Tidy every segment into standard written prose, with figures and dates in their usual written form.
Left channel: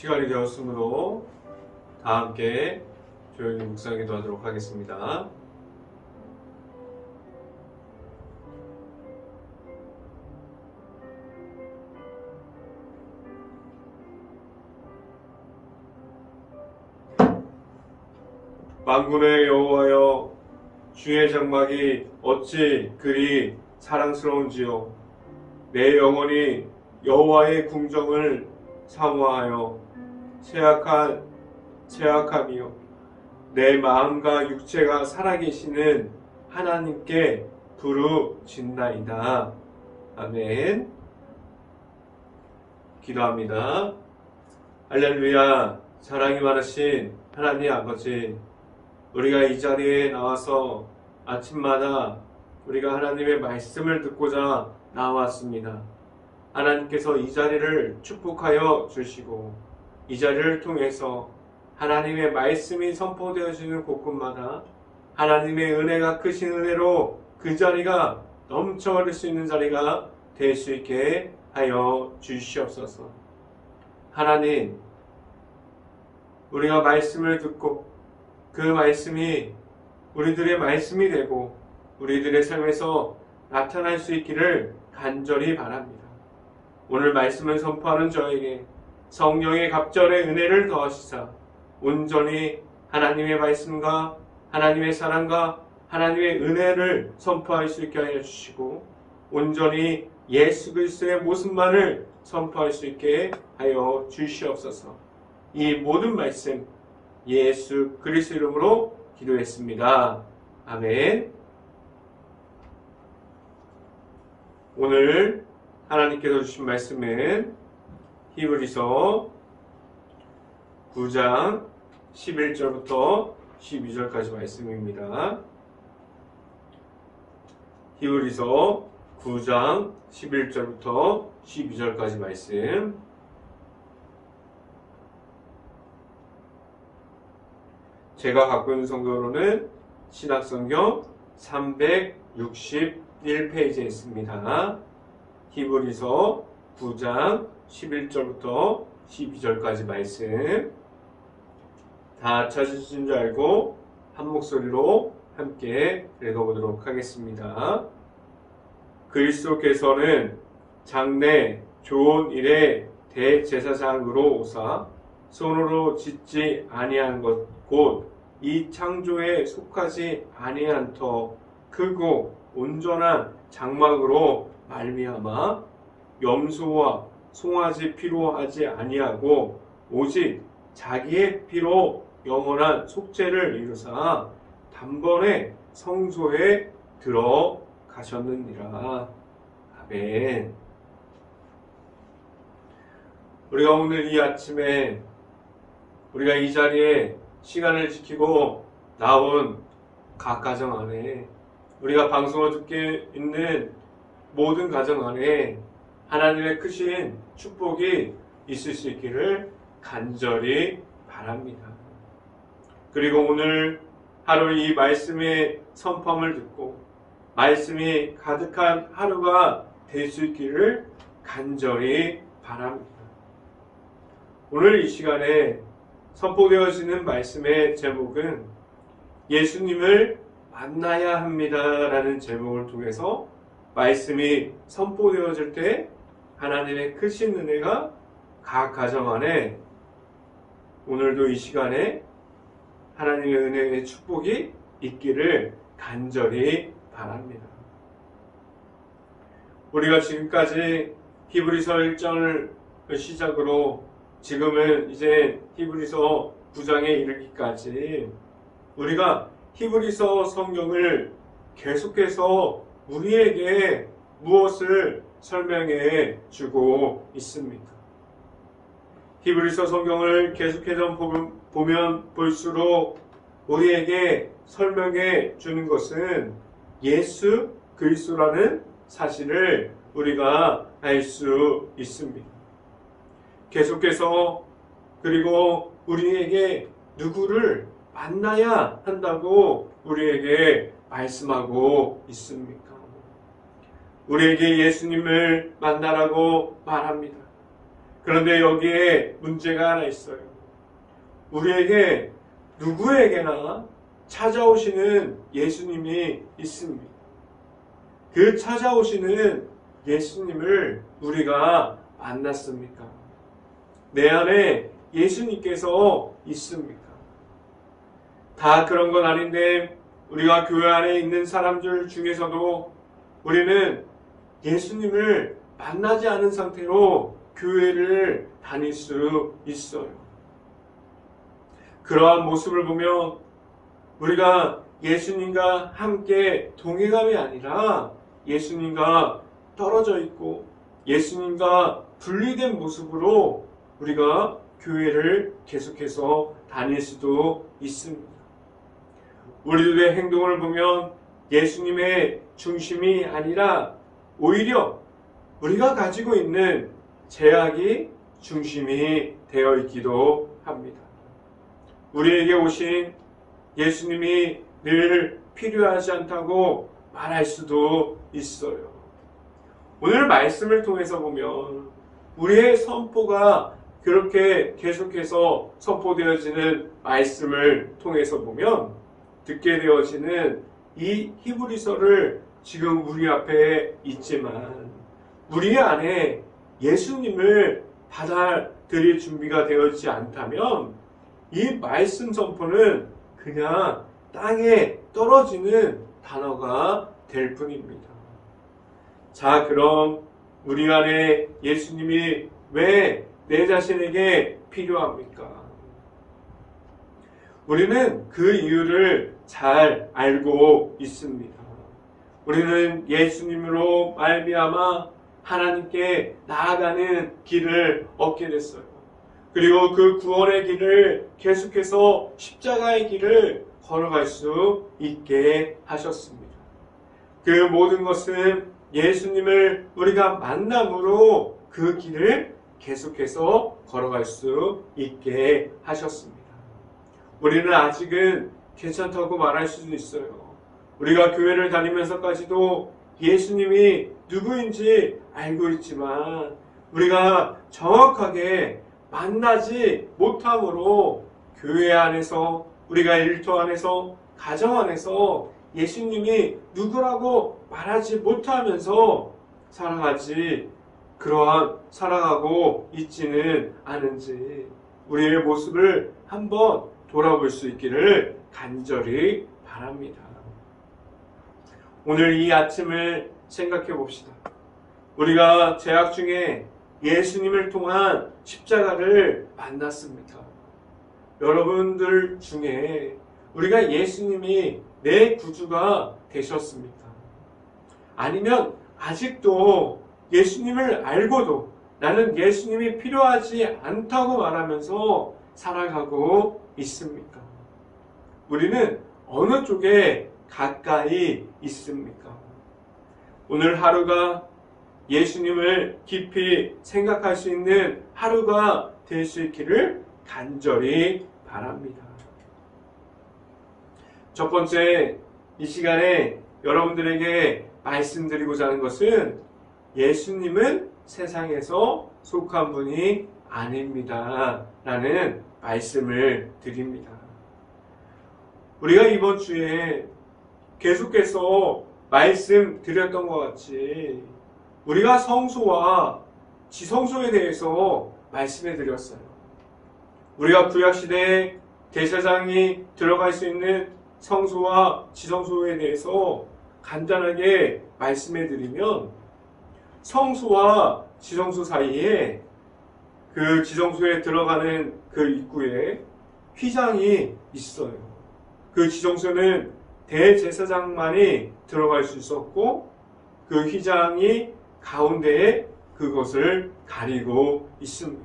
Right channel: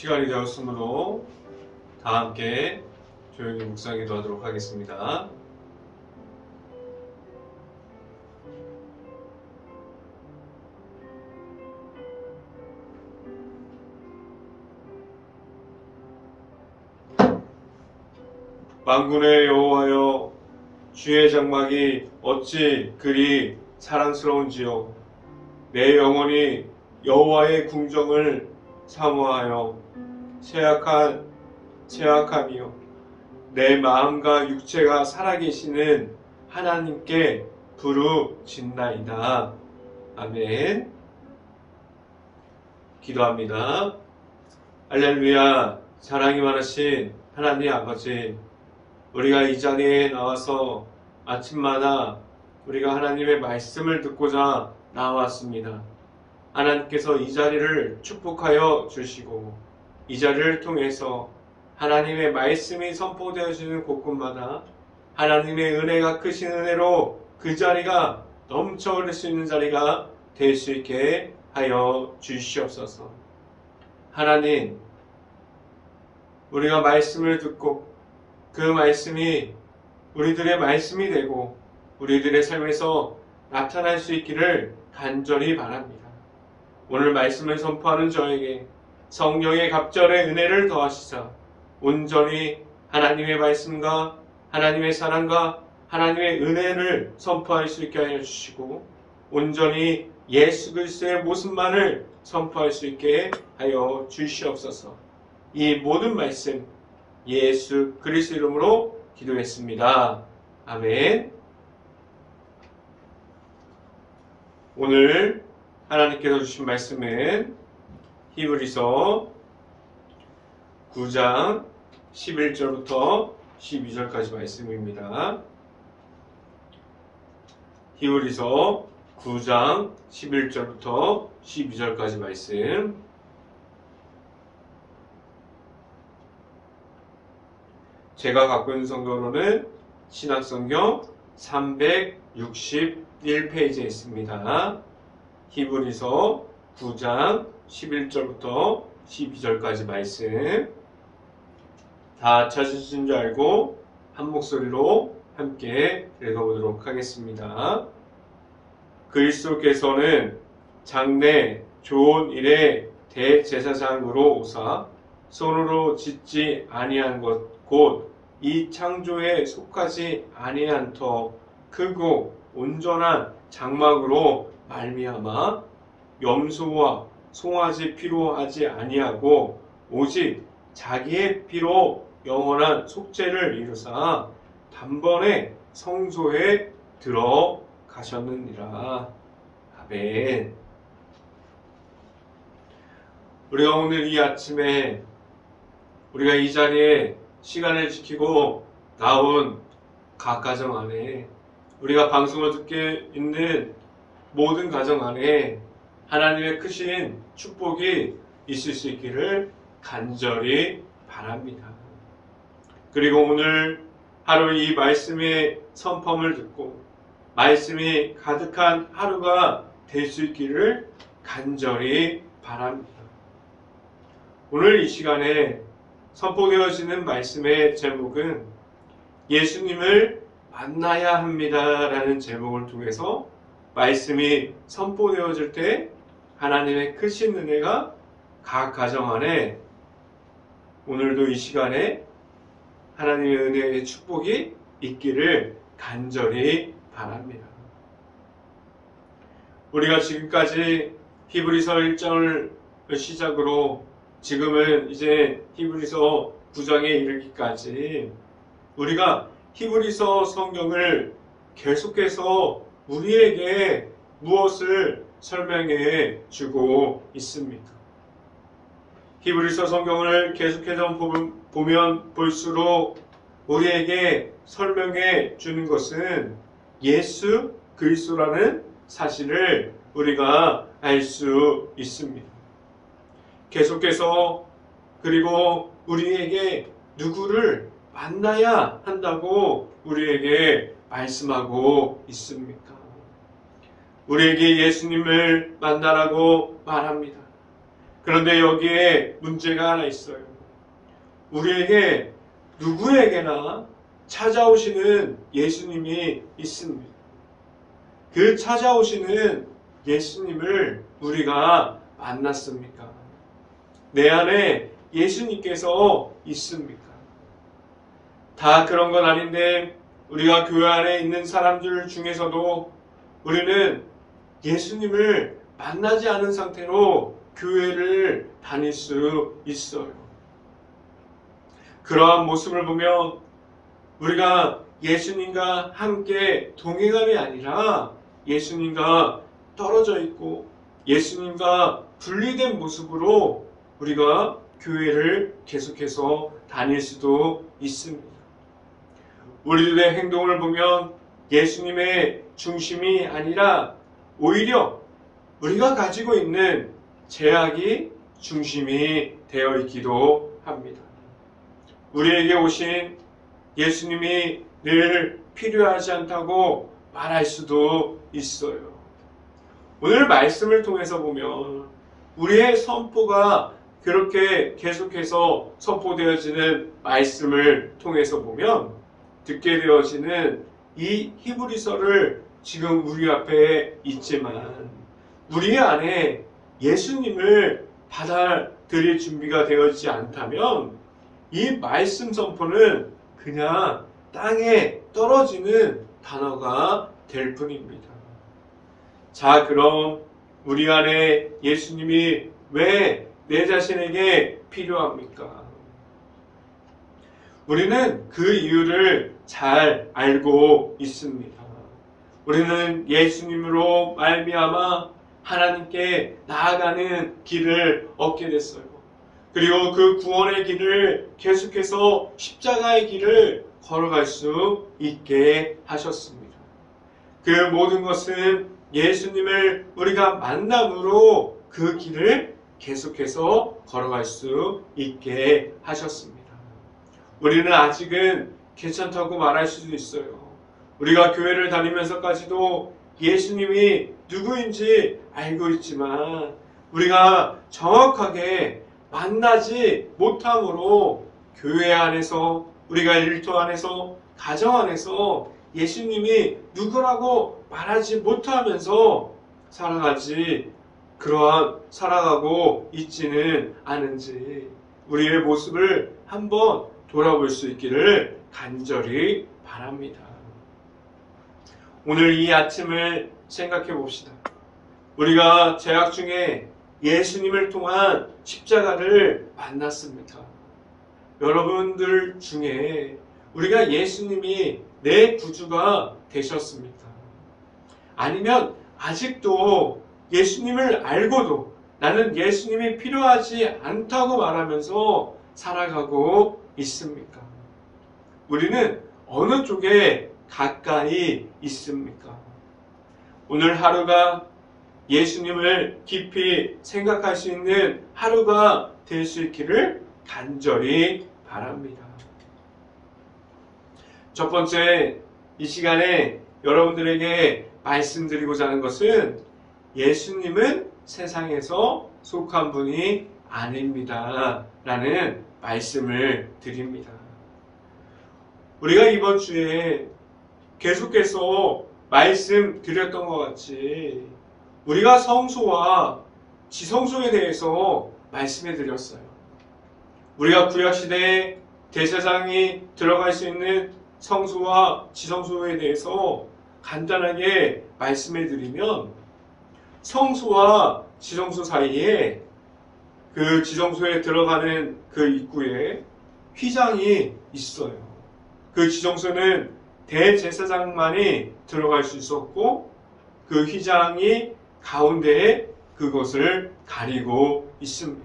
시간이 되었으므로 다 함께 조용히 묵상기도 하도록 하겠습니다. 만군의 여호와여, 주의 장막이 어찌 그리 사랑스러운지요. 내 영혼이 여호와의 궁정을 사모하여 쇠약함이요, 내 마음과 육체가 살아계시는 하나님께 부르짖나이다. 아멘. 기도합니다. 할렐루야. 사랑이 많으신 하나님 아버지, 우리가 이 자리에 나와서 아침마다 우리가 하나님의 말씀을 듣고자 나왔습니다. 하나님께서 이 자리를 축복하여 주시고, 이 자리를 통해서 하나님의 말씀이 선포되어지는 곳곳마다 하나님의 은혜가 크신 은혜로 그 자리가 넘쳐 흐를 수 있는 자리가 될 수 있게 하여 주시옵소서. 하나님, 우리가 말씀을 듣고 그 말씀이 우리들의 말씀이 되고 우리들의 삶에서 나타날 수 있기를 간절히 바랍니다. 오늘 말씀을 선포하는 저에게 성령의 갑절의 은혜를 더하시사 온전히 하나님의 말씀과 하나님의 사랑과 하나님의 은혜를 선포할 수 있게 하여 주시고, 온전히 예수 그리스도의 모습만을 선포할 수 있게 하여 주시옵소서. 이 모든 말씀 예수 그리스도 이름으로 기도했습니다. 아멘. 오늘 하나님께서 주신 말씀은 히브리서 9장 11절부터 12절까지 말씀입니다. 히브리서 9장 11절부터 12절까지 말씀. 제가 갖고 있는 성경으로는 신약성경 361페이지에 있습니다. 히브리서 9장 11절부터 12절까지 말씀. 다 찾으신 줄 알고 한 목소리로 함께 읽어보도록 하겠습니다. 그리스도께서는 장래 좋은 일의 대제사장으로 오사 손으로 짓지 아니한 것 곧 이 창조에 속하지 아니한 터 크고 온전한 장막으로 말미암아 염소와 송아지 피로 하지 아니하고 오직 자기의 피로 영원한 속죄를 이루사 단번에 성소에 들어가셨느니라. 아멘. 우리가 오늘 이 아침에 우리가 이 자리에 시간을 지키고 나온 각 가정 안에, 우리가 방송을 듣게 있는 모든 가정 안에 하나님의 크신 축복이 있을 수 있기를 간절히 바랍니다. 그리고 오늘 하루 이 말씀의 선포를 듣고 말씀이 가득한 하루가 될 수 있기를 간절히 바랍니다. 오늘 이 시간에 선포되어지는 말씀의 제목은 예수님을 만나야 합니다 라는 제목을 통해서 말씀이 선포되어질 때 하나님의 크신 은혜가 각 가정 안에 오늘도 이 시간에 하나님의 은혜의 축복이 있기를 간절히 바랍니다. 우리가 지금까지 히브리서 1장을 시작으로 지금은 이제 히브리서 9장에 이르기까지 우리가 히브리서 성경을 계속해서 우리에게 무엇을 설명해 주고 있습니까? 히브리서 성경을 계속해서 보면 볼수록 우리에게 설명해 주는 것은 예수 그리스도라는 사실을 우리가 알 수 있습니다. 계속해서 그리고 우리에게 누구를 만나야 한다고 우리에게 말씀하고 있습니까? 우리에게 예수님을 만나라고 말합니다. 그런데 여기에 문제가 하나 있어요. 우리에게 누구에게나 찾아오시는 예수님이 있습니다. 그 찾아오시는 예수님을 우리가 만났습니까? 내 안에 예수님께서 있습니까? 다 그런 건 아닌데 우리가 교회 안에 있는 사람들 중에서도 우리는 예수님을 만나지 않은 상태로 교회를 다닐 수 있어요. 그러한 모습을 보면 우리가 예수님과 함께 동행함이 아니라 예수님과 떨어져 있고 예수님과 분리된 모습으로 우리가 교회를 계속해서 다닐 수도 있습니다. 우리들의 행동을 보면 예수님의 중심이 아니라 오히려 우리가 가지고 있는 제약이 중심이 되어 있기도 합니다. 우리에게 오신 예수님이 늘 필요하지 않다고 말할 수도 있어요. 오늘 말씀을 통해서 보면 우리의 선포가 그렇게 계속해서 선포되어지는 말씀을 통해서 보면 듣게 되어지는 이 히브리서를 지금 우리 앞에 있지만 우리 안에 예수님을 받아들일 준비가 되어지지 않다면 이 말씀 선포는 그냥 땅에 떨어지는 단어가 될 뿐입니다. 자, 그럼 우리 안에 예수님이 왜 내 자신에게 필요합니까? 우리는 그 이유를 잘 알고 있습니다. 우리는 예수님으로 말미암아 하나님께 나아가는 길을 얻게 됐어요. 그리고 그 구원의 길을 계속해서 십자가의 길을 걸어갈 수 있게 하셨습니다. 그 모든 것은 예수님을 우리가 만남으로 그 길을 계속해서 걸어갈 수 있게 하셨습니다. 우리는 아직은 괜찮다고 말할 수도 있어요. 우리가 교회를 다니면서까지도 예수님이 누구인지 알고 있지만 우리가 정확하게 만나지 못함으로 교회 안에서 우리가 일터 안에서 가정 안에서 예수님이 누구라고 말하지 못하면서 살아가고 있지는 않은지 우리의 모습을 한번 돌아볼 수 있기를 간절히 바랍니다. 오늘 이 아침을 생각해 봅시다. 우리가 재학 중에 예수님을 통한 십자가를 만났습니까? 여러분들 중에 우리가 예수님이 내 구주가 되셨습니까? 아니면 아직도 예수님을 알고도 나는 예수님이 필요하지 않다고 말하면서 살아가고 있습니까? 우리는 어느 쪽에 가까이 있습니까? 오늘 하루가 예수님을 깊이 생각할 수 있는 하루가 될 수 있기를 간절히 바랍니다. 첫 번째, 이 시간에 여러분들에게 말씀드리고자 하는 것은 예수님은 세상에서 속한 분이 아닙니다. 라는 말씀을 드립니다. 우리가 이번 주에 계속해서 말씀드렸던 것 같이 우리가 성소와 지성소에 대해서 말씀해 드렸어요. 우리가 구약시대에 제사장이 들어갈 수 있는 성소와 지성소에 대해서 간단하게 말씀해 드리면 성소와 지성소 사이에 그 지성소에 들어가는 그 입구에 휘장이 있어요. 그 지성소는 대제사장만이 들어갈 수 있었고 그 휘장이 가운데에 그것을 가리고 있습니다.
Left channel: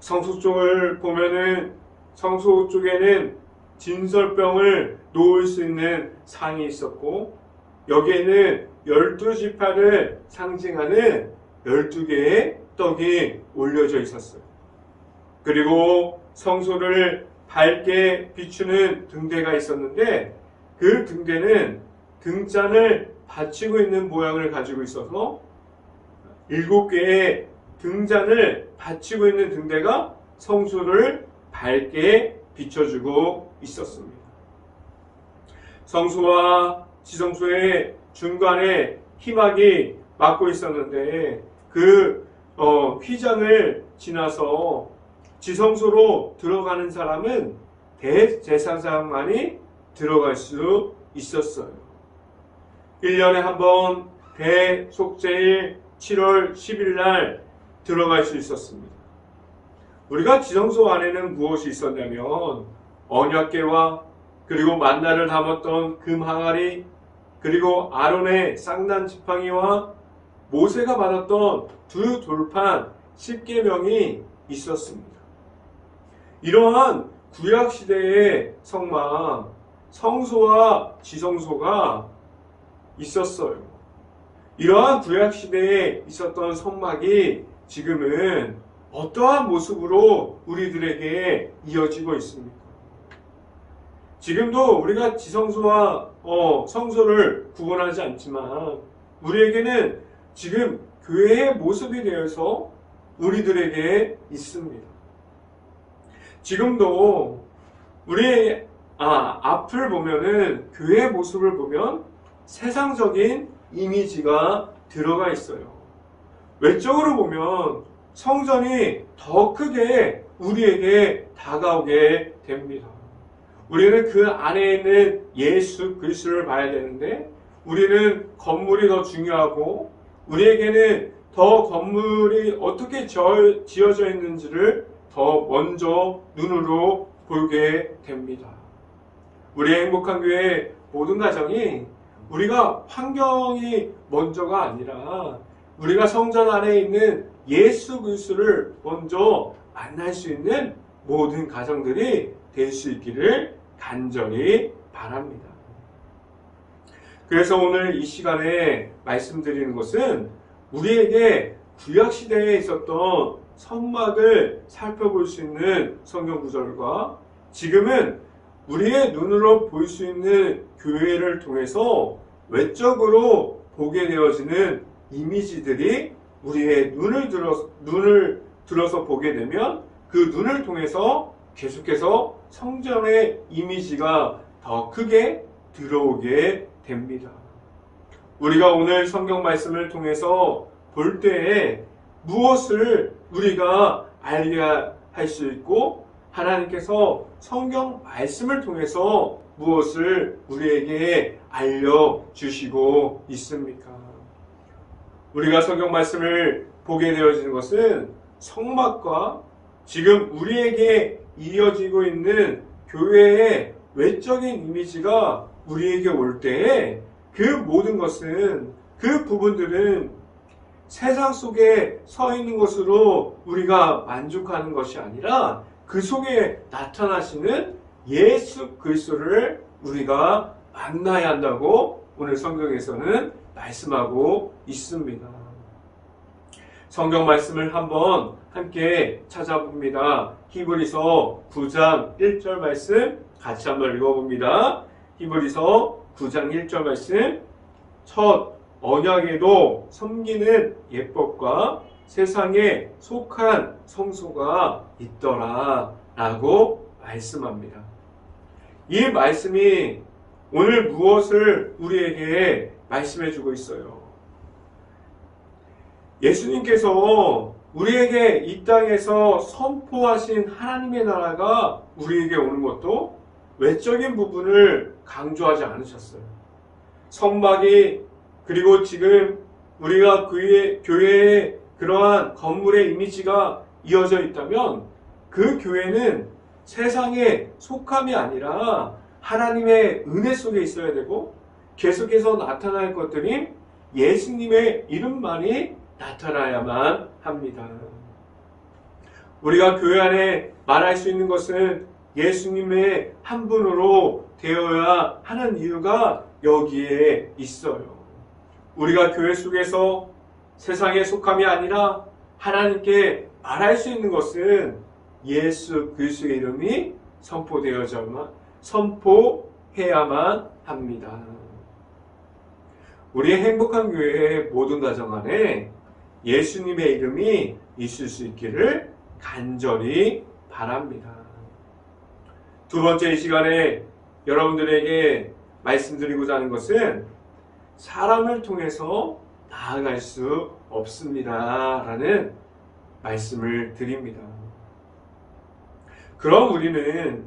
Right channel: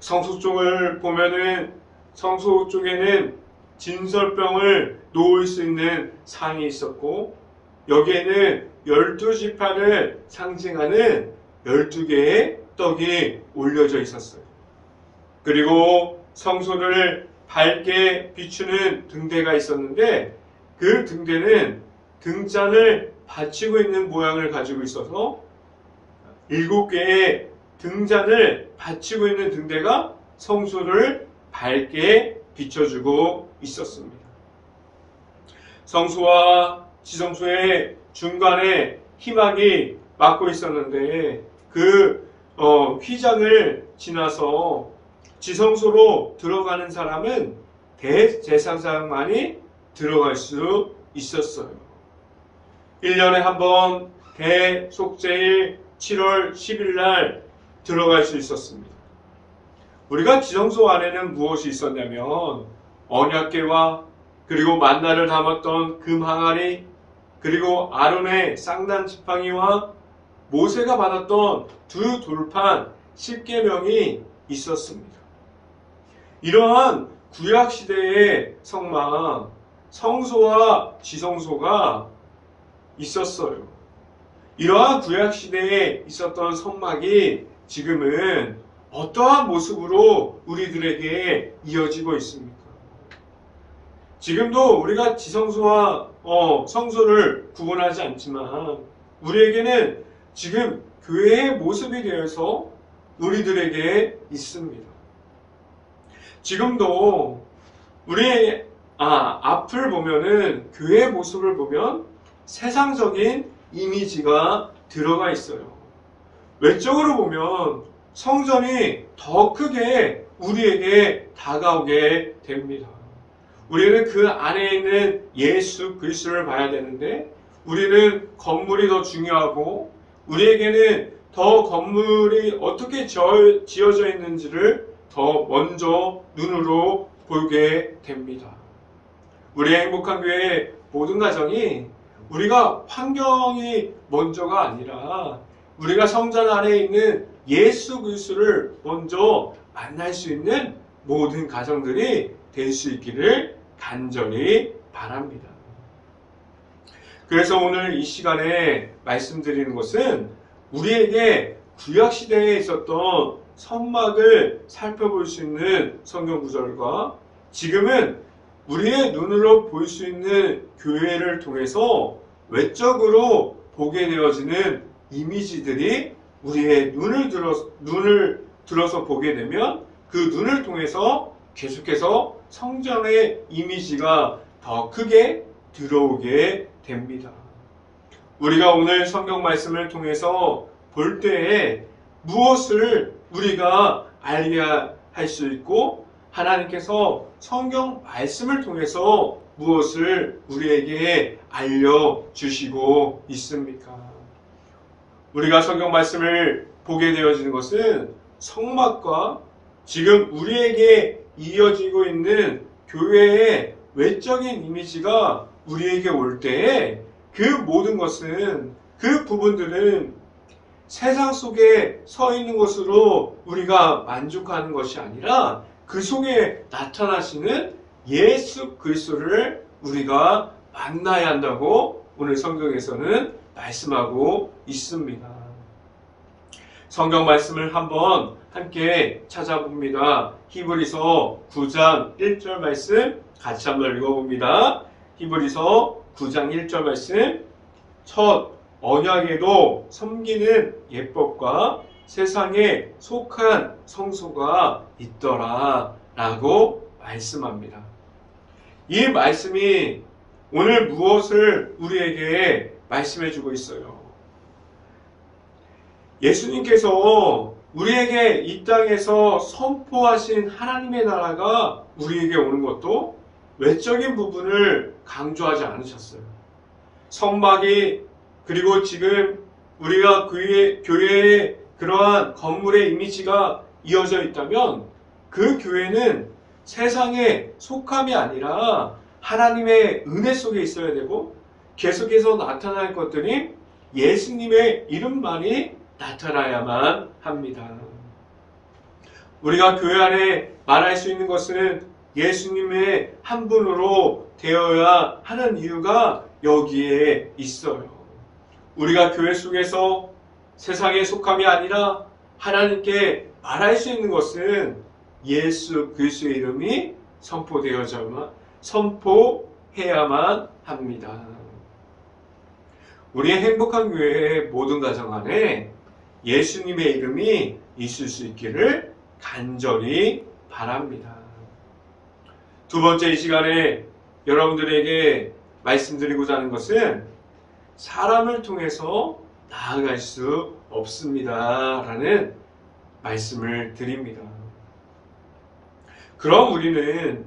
성소 쪽을 보면은 성소 쪽에는 진설병을 놓을 수 있는 상이 있었고 여기에는 12지파를 상징하는 12개의 떡이 올려져 있었어요. 그리고 성소를 밝게 비추는 등대가 있었는데 그 등대는 등잔을 받치고 있는 모양을 가지고 있어서 7개의 등잔을 받치고 있는 등대가 성소를 밝게 비춰주고 있었습니다. 성소와 지성소의 중간에 희막이 막고 있었는데 그 휘장을 지나서 지성소로 들어가는 사람은 대제사장만이 들어갈 수 있었어요. 1년에 한 번 대속죄일 7월 10일 날 들어갈 수 있었습니다. 우리가 지성소 안에는 무엇이 있었냐면 언약궤와 그리고 만나를 담았던 금 항아리, 그리고 아론의 쌍난 지팡이와 모세가 받았던 두 돌판 10계명이 있었습니다. 이러한 구약시대의 성막, 성소와 지성소가 있었어요. 이러한 구약시대에 있었던 성막이 지금은 어떠한 모습으로 우리들에게 이어지고 있습니까? 지금도 우리가 지성소와 성소를 구분하지 않지만 우리에게는 지금 교회의 모습이 되어서 우리들에게 있습니다. 지금도 우리의 앞을 보면은 교회의 모습을 보면 세상적인 이미지가 들어가 있어요. 외적으로 보면 성전이 더 크게 우리에게 다가오게 됩니다. 우리는 그 안에 있는 예수 그리스도를 봐야 되는데 우리는 건물이 더 중요하고 우리에게는 더 건물이 어떻게 지어져 있는지를 더 먼저 눈으로 보게 됩니다. 우리의 행복한 교회 모든 가정이 우리가 환경이 먼저가 아니라 우리가 성전 안에 있는 예수 그리스도를 먼저 만날 수 있는 모든 가정들이 될 수 있기를 간절히 바랍니다. 그래서 오늘 이 시간에 말씀드리는 것은 우리에게 구약시대에 있었던 성막을 살펴볼 수 있는 성경 구절과 지금은 우리의 눈으로 볼 수 있는 교회를 통해서 외적으로 보게 되어지는 이미지들이 우리의 눈을 들어서 보게 되면 그 눈을 통해서 계속해서 성전의 이미지가 더 크게 들어오게 됩니다. 우리가 오늘 성경 말씀을 통해서 볼 때에 무엇을 우리가 알게 할 수 있고 하나님께서 성경 말씀을 통해서 무엇을 우리에게 알려주시고 있습니까? 우리가 성경 말씀을 보게 되어지는 것은 성막과 지금 우리에게 이어지고 있는 교회의 외적인 이미지가 우리에게 올 때에 그 모든 것은 그 부분들은 세상 속에 서 있는 것으로 우리가 만족하는 것이 아니라 그 속에 나타나시는 예수 그리스도를 우리가 만나야 한다고 오늘 성경에서는 말씀하고 있습니다. 성경 말씀을 한번 함께 찾아봅니다. 히브리서 9장 1절 말씀 같이 한번 읽어봅니다. 히브리서 9장 1절 말씀 첫 언약에도 섬기는 예법과 세상에 속한 성소가 있더라 라고 말씀합니다. 이 말씀이 오늘 무엇을 우리에게 말씀해 주고 있어요? 예수님께서 우리에게 이 땅에서 선포하신 하나님의 나라가 우리에게 오는 것도 외적인 부분을 강조하지 않으셨어요. 성막이 그리고 지금 우리가 교회에 그러한 건물의 이미지가 이어져 있다면 그 교회는 세상에 속함이 아니라 하나님의 은혜 속에 있어야 되고 계속해서 나타날 것들이 예수님의 이름만이 나타나야만 합니다. 우리가 교회 안에 말할 수 있는 것은 예수님의 한 분으로 되어야 하는 이유가 여기에 있어요. 우리가 교회 속에서 세상에 속함이 아니라 하나님께 말할 수 있는 것은 예수 그리스도의 이름이 선포해야만 합니다. 우리의 행복한 교회의 모든 가정 안에 예수님의 이름이 있을 수 있기를 간절히 바랍니다. 두 번째, 이 시간에 여러분들에게 말씀드리고자 하는 것은 사람을 통해서 나아갈 수 없습니다 라는 말씀을 드립니다. 그럼 우리는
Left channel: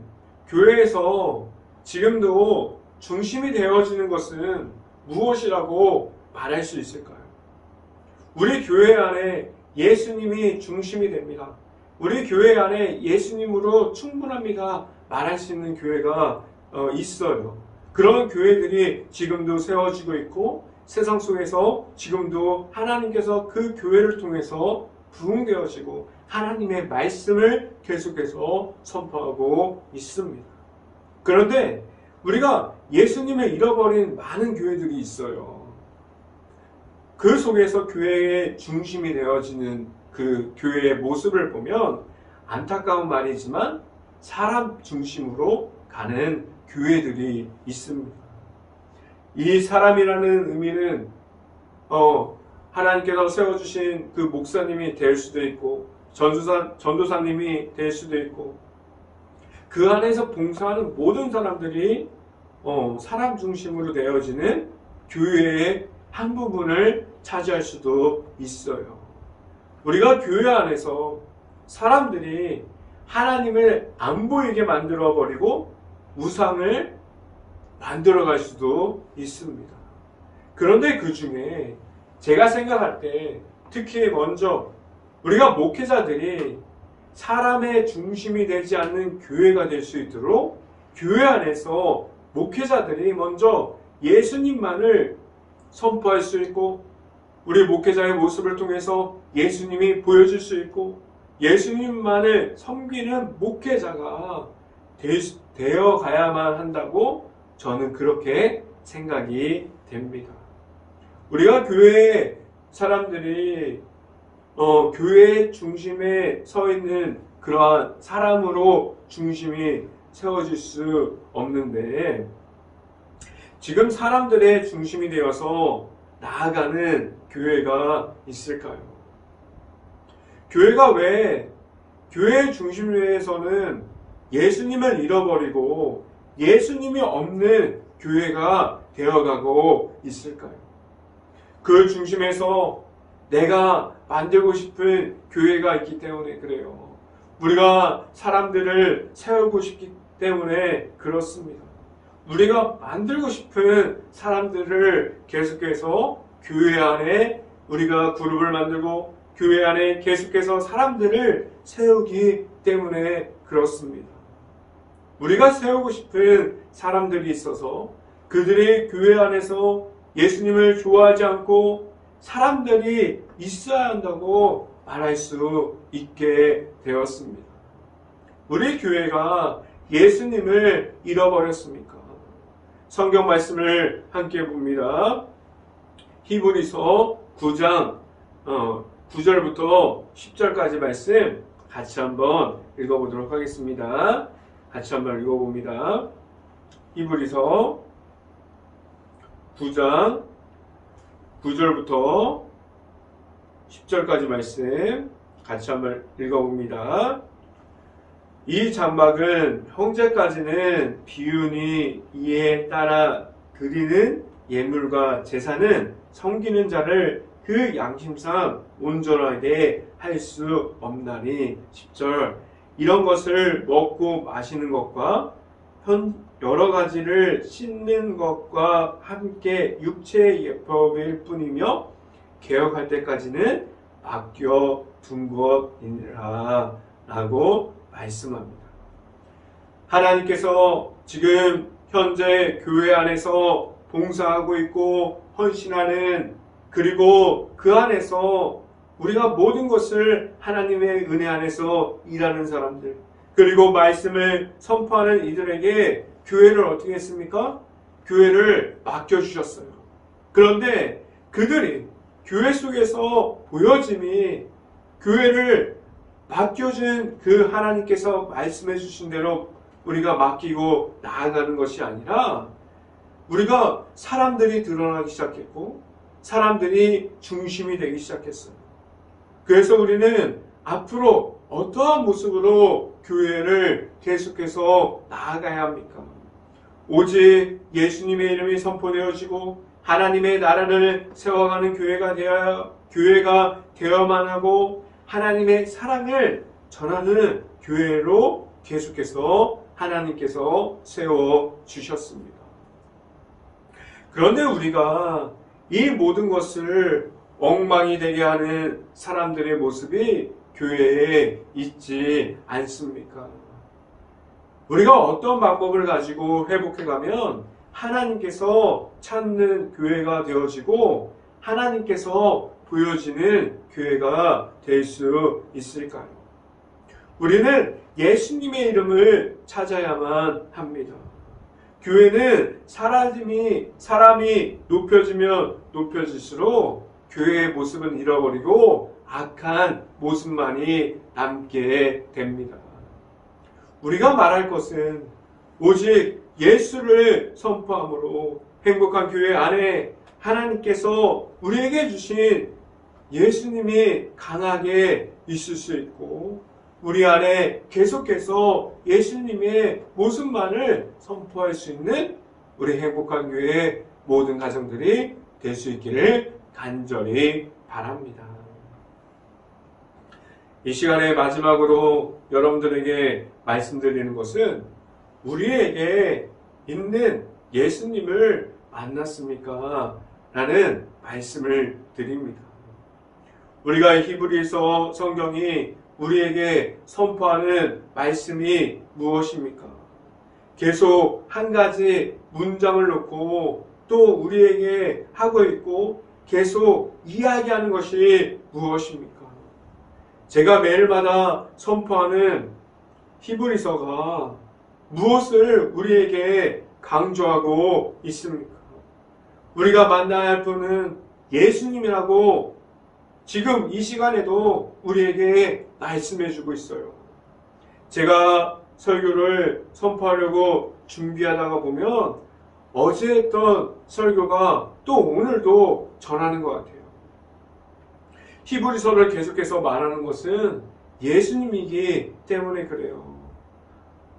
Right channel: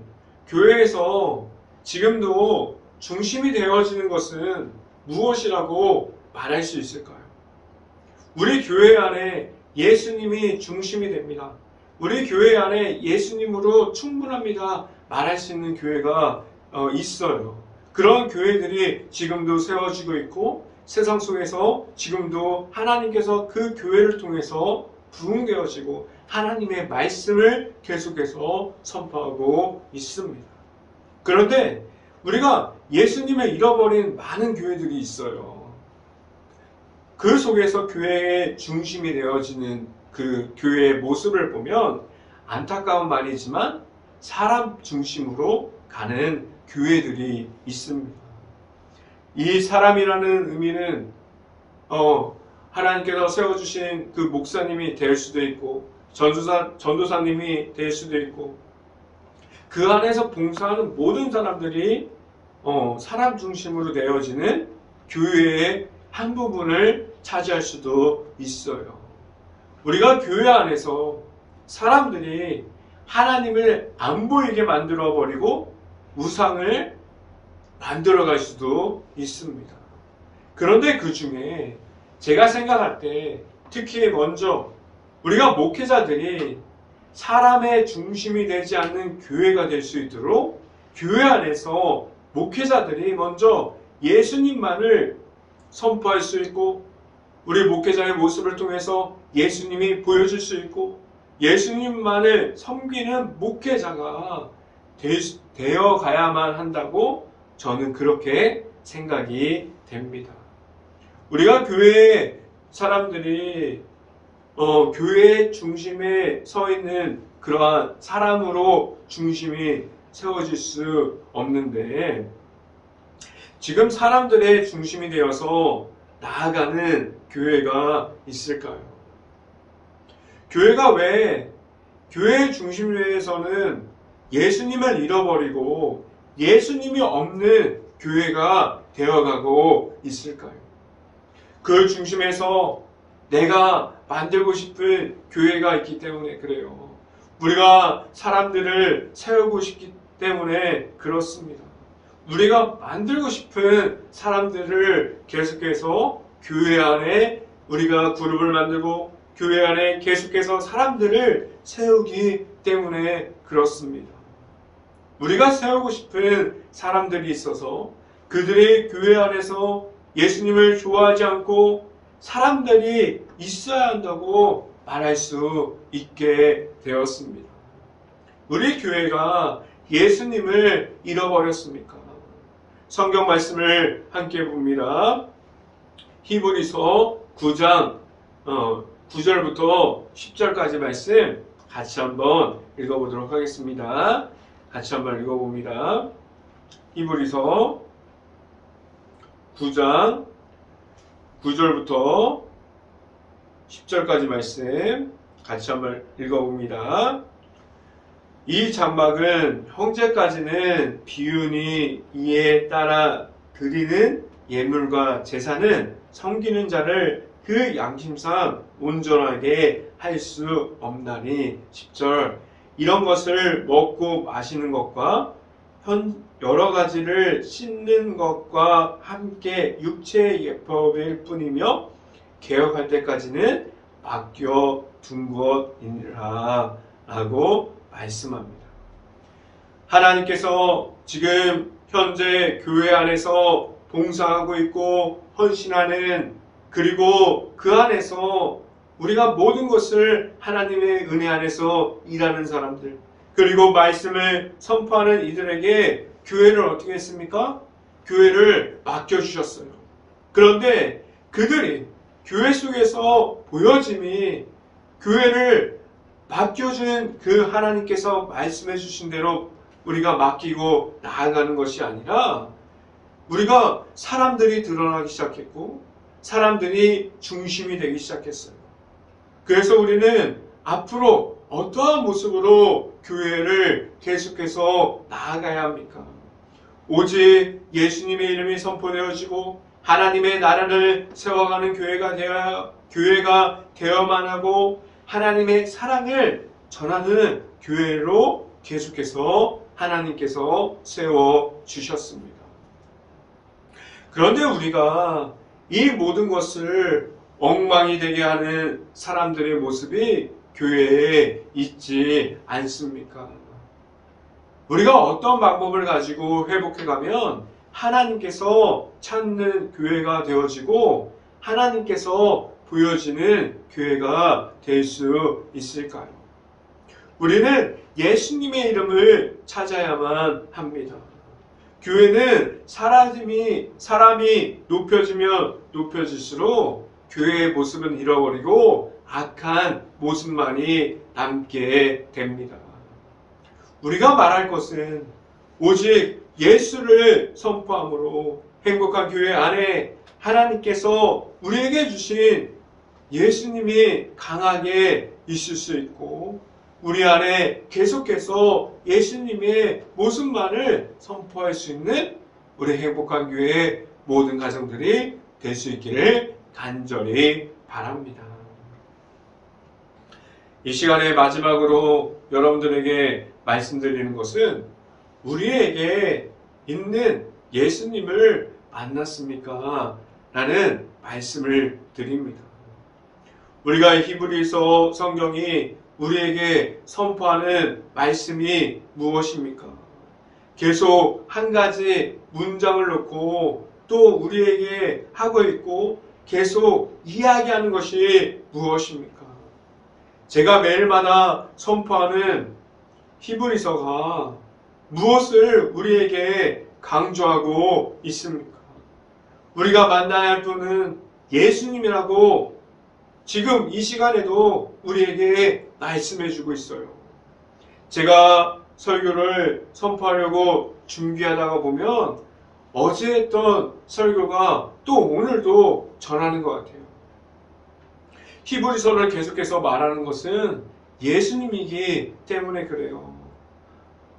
교회에서 지금도 중심이 되어지는 것은 무엇이라고 말할 수 있을까요? 우리 교회 안에 예수님이 중심이 됩니다. 우리 교회 안에 예수님으로 충분합니다 말할 수 있는 교회가 있어요. 그런 교회들이 지금도 세워지고 있고 세상 속에서 지금도 하나님께서 그 교회를 통해서 부흥되어지고 하나님의 말씀을 계속해서 선포하고 있습니다. 그런데 우리가 예수님을 잃어버린 많은 교회들이 있어요. 그 속에서 교회의 중심이 되어지는 그 교회의 모습을 보면 안타까운 말이지만 사람 중심으로 가는 교회들이 있습니다. 이 사람이라는 의미는 하나님께서 세워주신 그 목사님이 될 수도 있고 전도사님이 될 수도 있고 그 안에서 봉사하는 모든 사람들이 사람 중심으로 되어지는 교회의 한 부분을 차지할 수도 있어요. 우리가 교회 안에서 사람들이 하나님을 안 보이게 만들어버리고 우상을 만들어갈 수도 있습니다. 그런데 그 중에 제가 생각할 때 특히 먼저 우리가 목회자들이 사람의 중심이 되지 않는 교회가 될 수 있도록 교회 안에서 목회자들이 먼저 예수님만을 선포할 수 있고 우리 목회자의 모습을 통해서 예수님이 보여줄 수 있고 예수님만을 섬기는 목회자가 되어 가야만 한다고 저는 그렇게 생각이 됩니다. 우리가 교회의 사람들이 교회의 중심에 서 있는 그러한 사람으로 중심이 세워질 수 없는데 지금 사람들의 중심이 되어서 나아가는 교회가 있을까요? 교회가 왜 교회의 중심에서는 예수님을 잃어버리고 예수님이 없는 교회가 되어가고 있을까요? 그 중심에서 내가 만들고 싶은 교회가 있기 때문에 그래요. 우리가 사람들을 세우고 싶기 때문에 그렇습니다. 우리가 만들고 싶은 사람들을 계속해서 교회 안에 우리가 그룹을 만들고 교회 안에 계속해서 사람들을 세우기 때문에 그렇습니다. 우리가 세우고 싶은 사람들이 있어서 그들의 교회 안에서 예수님을 좋아하지 않고 사람들이 있어야 한다고 말할 수 있게 되었습니다. 우리 교회가 예수님을 잃어버렸습니까? 성경 말씀을 함께 봅니다. 히브리서 9장 9절부터 10절까지 말씀 같이 한번 읽어보도록 하겠습니다. 같이 한번 읽어봅니다. 히브리서 9장 9절부터 10절까지 말씀 같이 한번 읽어봅니다. 이 장막은 형제까지는 비우니 이에 따라 드리는 예물과 제사는 섬기는 자를 그 양심상 온전하게 할 수 없나니 10절 이런 것을 먹고 마시는 것과 여러 가지를 씻는 것과 함께 육체의 예법일 뿐이며 개혁할 때까지는 맡겨 둔 것이니라 라고 말씀합니다. 하나님께서 지금 현재 교회 안에서 봉사하고 있고 헌신하는 그리고 그 안에서 우리가 모든 것을 하나님의 은혜 안에서 일하는 사람들 그리고 말씀을 선포하는 이들에게 교회를 어떻게 했습니까? 교회를 맡겨주셨어요. 그런데 그들이 교회 속에서 보여짐이 교회를 맡겨준 그 하나님께서 말씀해 주신 대로 우리가 맡기고 나아가는 것이 아니라 우리가 사람들이 드러나기 시작했고 사람들이 중심이 되기 시작했어요. 그래서 우리는 앞으로 어떠한 모습으로 교회를 계속해서 나아가야 합니까? 오직 예수님의 이름이 선포되어지고 하나님의 나라를 세워가는 교회가 되어야만 하고 하나님의 사랑을 전하는 교회로 계속해서 하나님께서 세워주셨습니다. 그런데 우리가 이 모든 것을 엉망이 되게 하는 사람들의 모습이 교회에 있지 않습니까? 우리가 어떤 방법을 가지고 회복해가면 하나님께서 찾는 교회가 되어지고 하나님께서 보여지는 교회가 될 수 있을까요? 우리는 예수님의 이름을 찾아야만 합니다. 교회는 사람이 높여지면 높여질수록 교회의 모습은 잃어버리고 악한 모습만이 남게 됩니다. 우리가 말할 것은 오직 예수를 선포함으로 행복한 교회 안에 하나님께서 우리에게 주신 예수님이 강하게 있을 수 있고 우리 안에 계속해서 예수님의 모습만을 선포할 수 있는 우리 행복한 교회의 모든 가정들이 될 수 있기를 간절히 바랍니다. 이 시간의 마지막으로 여러분들에게 말씀드리는 것은 우리에게 있는 예수님을 만났습니까? 라는 말씀을 드립니다. 우리가 히브리서 성경이 우리에게 선포하는 말씀이 무엇입니까? 계속 한 가지 문장을 놓고 또 우리에게 하고 있고 계속 이야기하는 것이 무엇입니까? 제가 매일마다 선포하는 히브리서가 무엇을 우리에게 강조하고 있습니까? 우리가 만나야 할 분은 예수님이라고 지금 이 시간에도 우리에게 말씀해 주고 있어요. 제가 설교를 선포하려고 준비하다가 보면 어제 했던 설교가 또 오늘도 전하는 것 같아요. 히브리서를 계속해서 말하는 것은 예수님이기 때문에 그래요.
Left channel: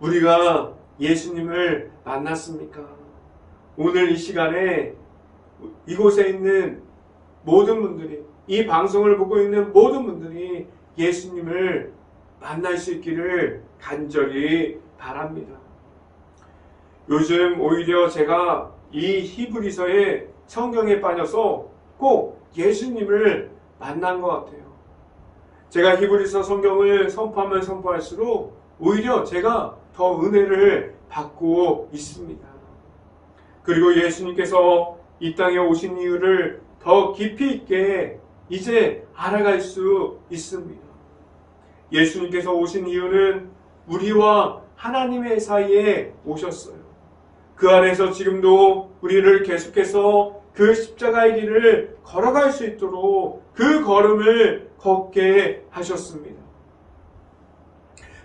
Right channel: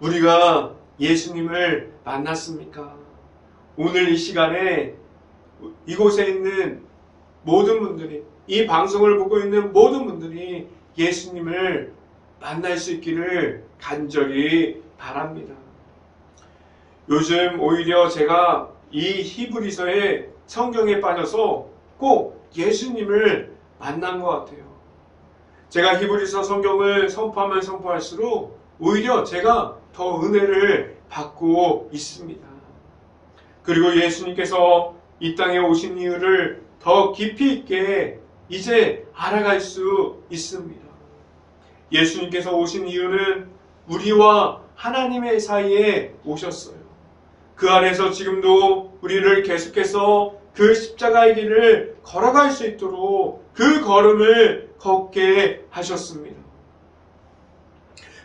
우리가 예수님을 만났습니까? 오늘 이 시간에 이곳에 있는 모든 분들이, 이 방송을 보고 있는 모든 분들이 예수님을 만날 수 있기를 간절히 바랍니다. 요즘 오히려 제가 이 히브리서의 성경에 빠져서 꼭 예수님을 만난 것 같아요. 제가 히브리서 성경을 선포하면 선포할수록 오히려 제가 더 은혜를 받고 있습니다. 그리고 예수님께서 이 땅에 오신 이유를 더 깊이 있게 이제 알아갈 수 있습니다. 예수님께서 오신 이유는 우리와 하나님의 사이에 오셨어요. 그 안에서 지금도 우리를 계속해서 그 십자가의 길을 걸어갈 수 있도록 그 걸음을 걷게 하셨습니다.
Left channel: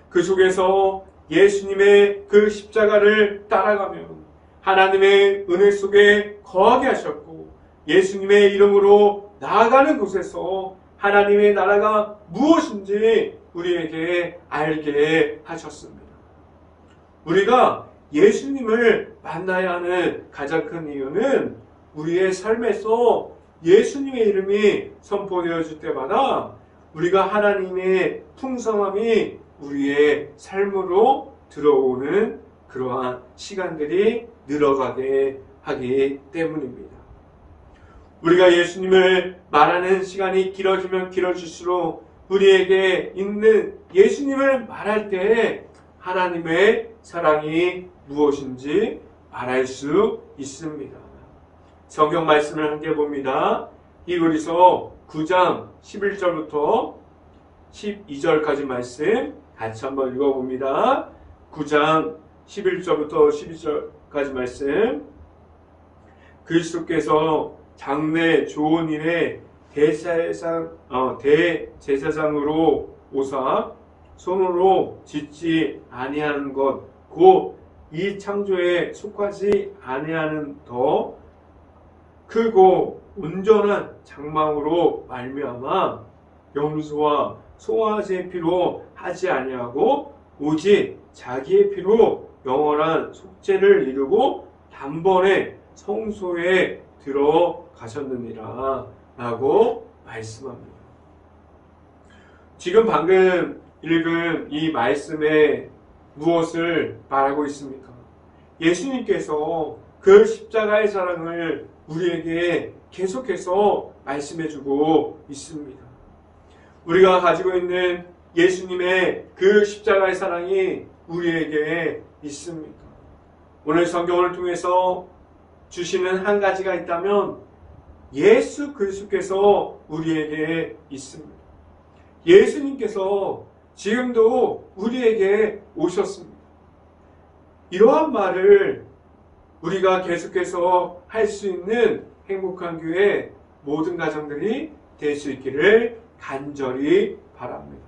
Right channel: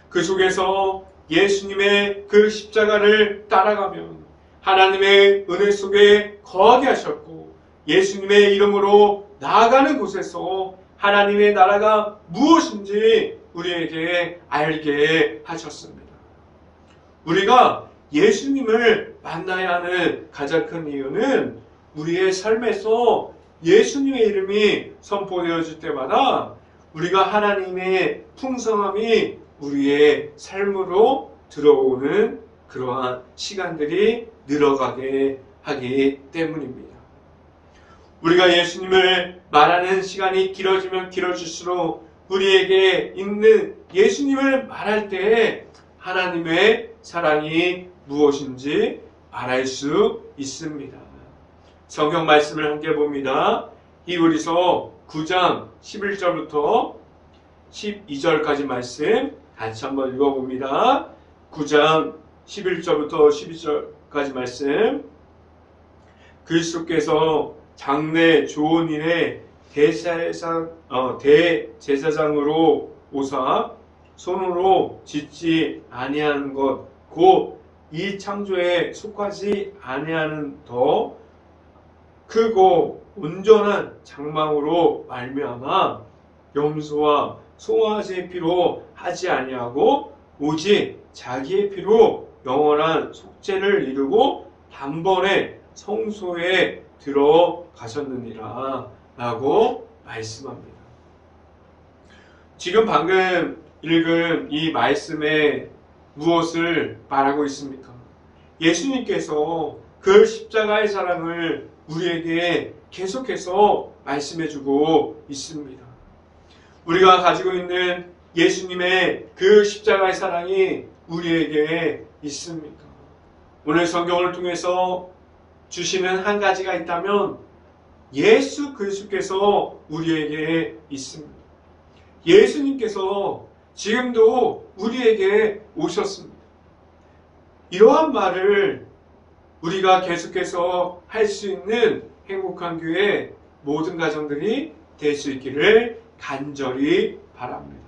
그 속에서 예수님의 그 십자가를 따라가면 하나님의 은혜 속에 거하게 하셨고 예수님의 이름으로 나아가는 곳에서 하나님의 나라가 무엇인지 우리에게 알게 하셨습니다. 우리가 예수님을 만나야 하는 가장 큰 이유는 우리의 삶에서 예수님의 이름이 선포되어질 때마다 우리가 하나님의 풍성함이 우리의 삶으로 들어오는 그러한 시간들이 늘어가게 하기 때문입니다. 우리가 예수님을 말하는 시간이 길어지면 길어질수록 우리에게 있는 예수님을 말할 때 하나님의 사랑이 무엇인지 말할 수 있습니다. 성경 말씀을 함께 봅니다. 히브리서 9장 11절부터 12절까지 말씀 같이 한번 읽어봅니다. 9장 11절부터 12절까지 말씀. 그리스도께서 장래 좋은 일에 대제사장으로 오사 손으로 짓지 아니하는 것 곧 이 창조에 속하지 아니하는 더 크고 온전한 장막으로 말미암아 염소와 송아지의 피로 하지 아니하고 오직 자기의 피로 영원한 속죄를 이루고 단번에 성소에 들어가셨느니라 라고 말씀합니다. 지금 방금 읽은 이 말씀에 무엇을 말하고 있습니까? 예수님께서 그 십자가의 사랑을 우리에게 계속해서 말씀해주고 있습니다. 우리가 가지고 있는 예수님의 그 십자가의 사랑이 우리에게 있습니까? 오늘 성경을 통해서 주시는 한 가지가 있다면 예수 그리스도께서 우리에게 있습니다. 예수님께서 지금도 우리에게 오셨습니다. 이러한 말을 우리가 계속해서 할 수 있는 행복한 교회 모든 가정들이 될 수 있기를 간절히 바랍니다.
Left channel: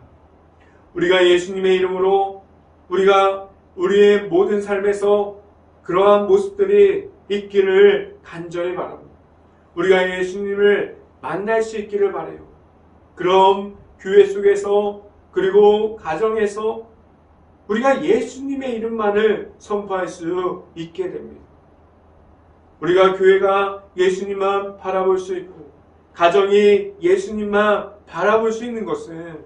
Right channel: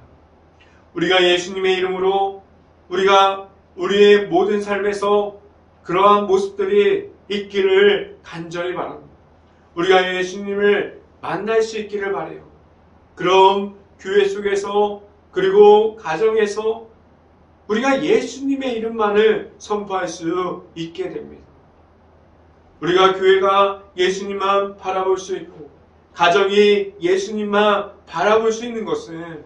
우리가 예수님의 이름으로 우리가 우리의 모든 삶에서 그러한 모습들이 있기를 간절히 바랍니다. 우리가 예수님을 만날 수 있기를 바라요. 그럼 교회 속에서 그리고 가정에서 우리가 예수님의 이름만을 선포할 수 있게 됩니다. 우리가 교회가 예수님만 바라볼 수 있고 가정이 예수님만 바라볼 수 있는 것은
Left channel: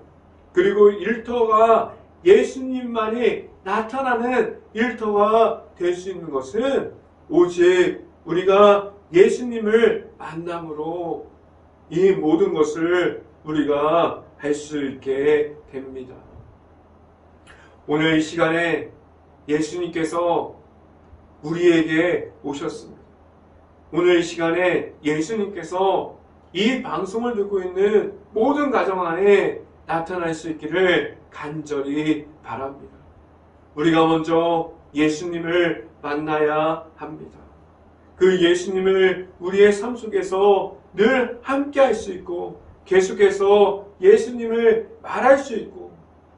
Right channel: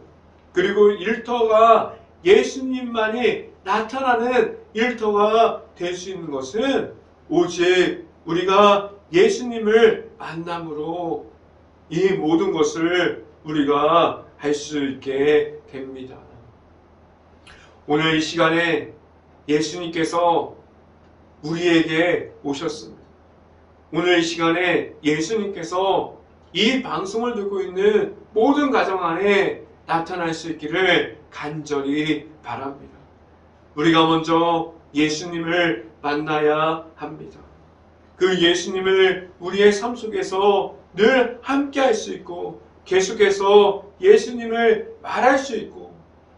그리고 일터가 예수님만이 나타나는 일터가 될 수 있는 것은 오직 우리가 예수님을 만남으로 이 모든 것을 우리가 할 수 있게 됩니다. 오늘 이 시간에 예수님께서 우리에게 오셨습니다. 오늘 이 시간에 예수님께서 이 방송을 듣고 있는 모든 가정 안에 나타날 수 있기를 간절히 바랍니다. 우리가 먼저 예수님을 만나야 합니다. 그 예수님을 우리의 삶 속에서 늘 함께 할 수 있고 계속해서 예수님을 말할 수 있고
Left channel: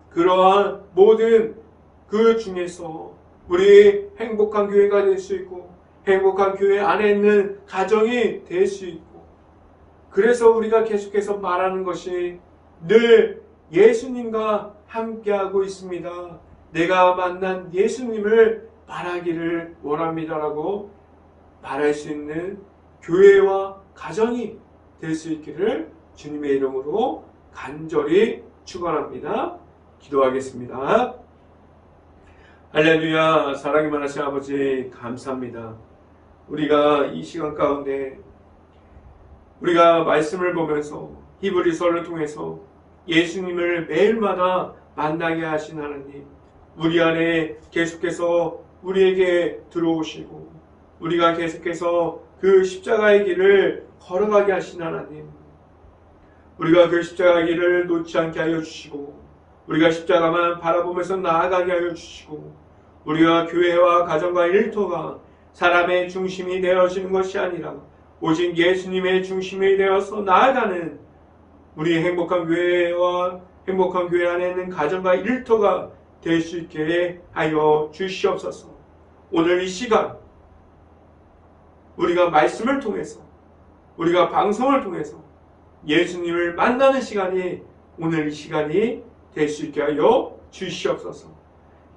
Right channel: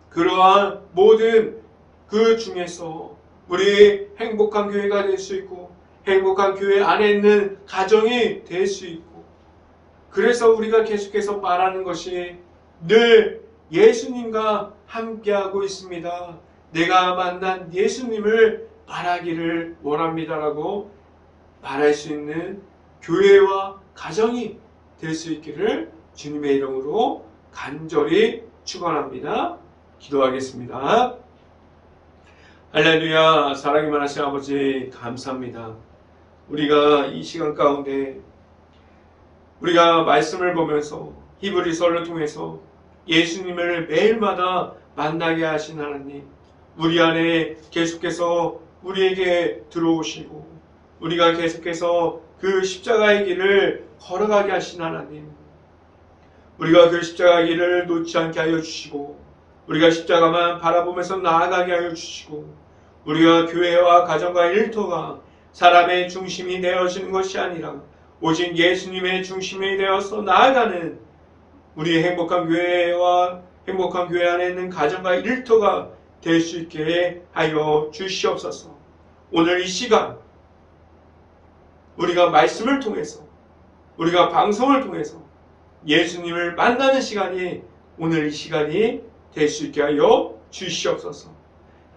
그러한 모든 그 중에서 우리 행복한 교회가 될 수 있고 행복한 교회 안에 있는 가정이 될 수 있고 그래서 우리가 계속해서 말하는 것이 늘 예수님과 함께하고 있습니다. 내가 만난 예수님을 말하기를 원합니다라고 말할 수 있는 교회와 가정이 될 수 있기를 주님의 이름으로 간절히 축원합니다. 기도하겠습니다. 할렐루야. 사랑이 많으신 아버지 감사합니다. 우리가 이 시간 가운데 우리가 말씀을 보면서 히브리서를 통해서 예수님을 매일마다 만나게 하신 하나님, 우리 안에 계속해서 우리에게 들어오시고 우리가 계속해서 그 십자가의 길을 걸어가게 하신 하나님, 우리가 그 십자가의 길을 놓지 않게 하여 주시고 우리가 십자가만 바라보면서 나아가게 하여 주시고 우리가 교회와 가정과 일터가 사람의 중심이 되어지는 것이 아니라 오직 예수님의 중심이 되어서 나아가는 우리 행복한 교회와 행복한 교회 안에 있는 가정과 일터가 될 수 있게 하여 주시옵소서. 오늘 이 시간 우리가 말씀을 통해서 우리가 방송을 통해서 예수님을 만나는 시간이 오늘 이 시간이 될 수 있게 하여 주시옵소서.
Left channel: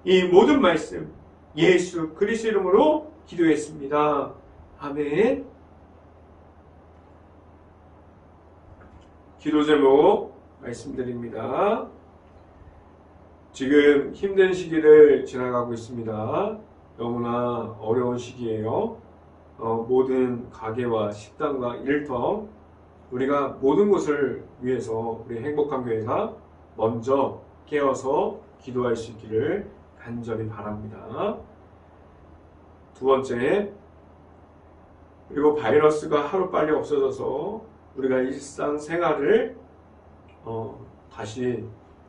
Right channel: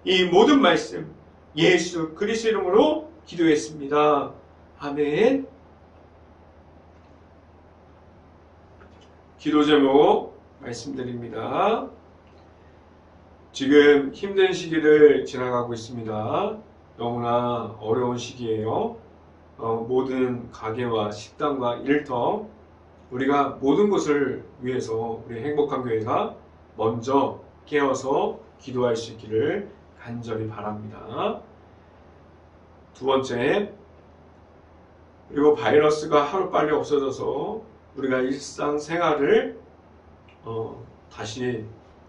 이 모든 말씀 예수 그리스도 이름으로 기도했습니다. 아멘. 기도 제목 말씀드립니다. 지금 힘든 시기를 지나가고 있습니다. 너무나 어려운 시기예요. 모든 가게와 식당과 일터 우리가 모든 것을 위해서 우리 행복한 교회가 먼저 깨어서 기도할 수 있기를 간절히 바랍니다. 두 번째, 그리고 바이러스가 하루빨리 없어져서 우리가 일상생활을 다시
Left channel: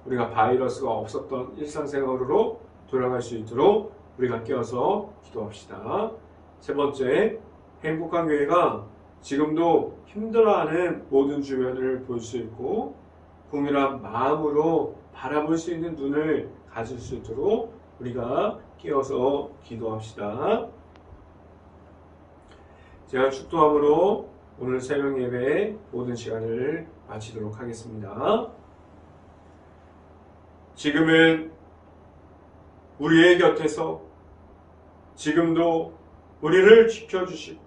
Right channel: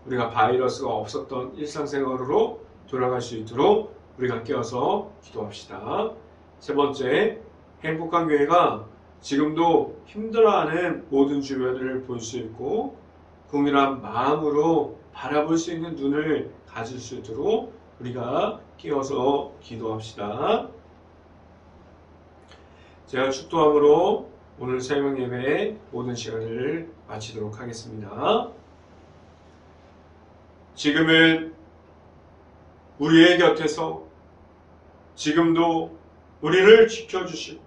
우리가 바이러스가 없었던 일상생활으로 돌아갈 수 있도록 우리가 깨어서 기도합시다. 세 번째, 행복한 교회가 지금도 힘들어하는 모든 주변을 볼 수 있고 동일한 마음으로 바라볼 수 있는 눈을 가질 수 있도록 우리가 깨어서 기도합시다. 제가 축도함으로 오늘 새벽 예배 모든 시간을 마치도록 하겠습니다. 지금은 우리의 곁에서 지금도 우리를 지켜주시고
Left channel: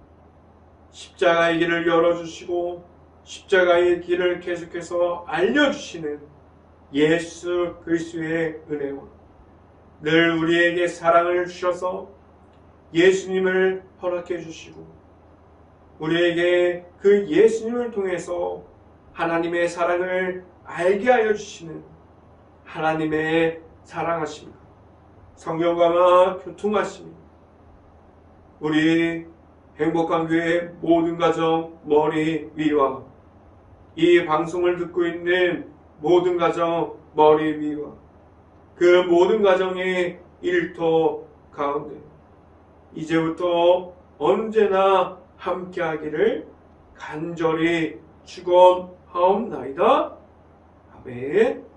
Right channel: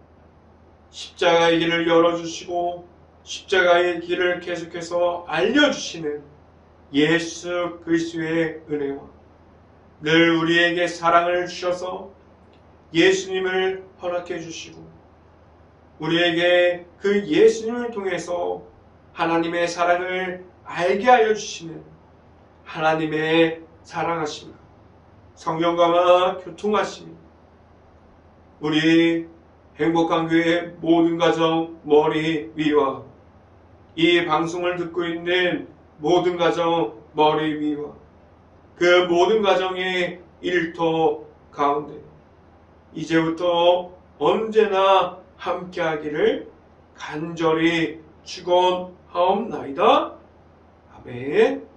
십자가의 길을 열어주시고 십자가의 길을 계속해서 알려주시는 예수 그리스도의 은혜와 늘 우리에게 사랑을 주셔서 예수님을 허락해 주시고 우리에게 그 예수님을 통해서 하나님의 사랑을 알게 하여 주시는 하나님의 사랑하심과 성령과 교통하심이 우리 행복한 교회 모든 가정 머리 위와 이 방송을 듣고 있는 모든 가정 머리 위와 그 모든 가정의 일터 가운데 이제부터 언제나 함께하기를 간절히 축원하옵나이다. 아멘.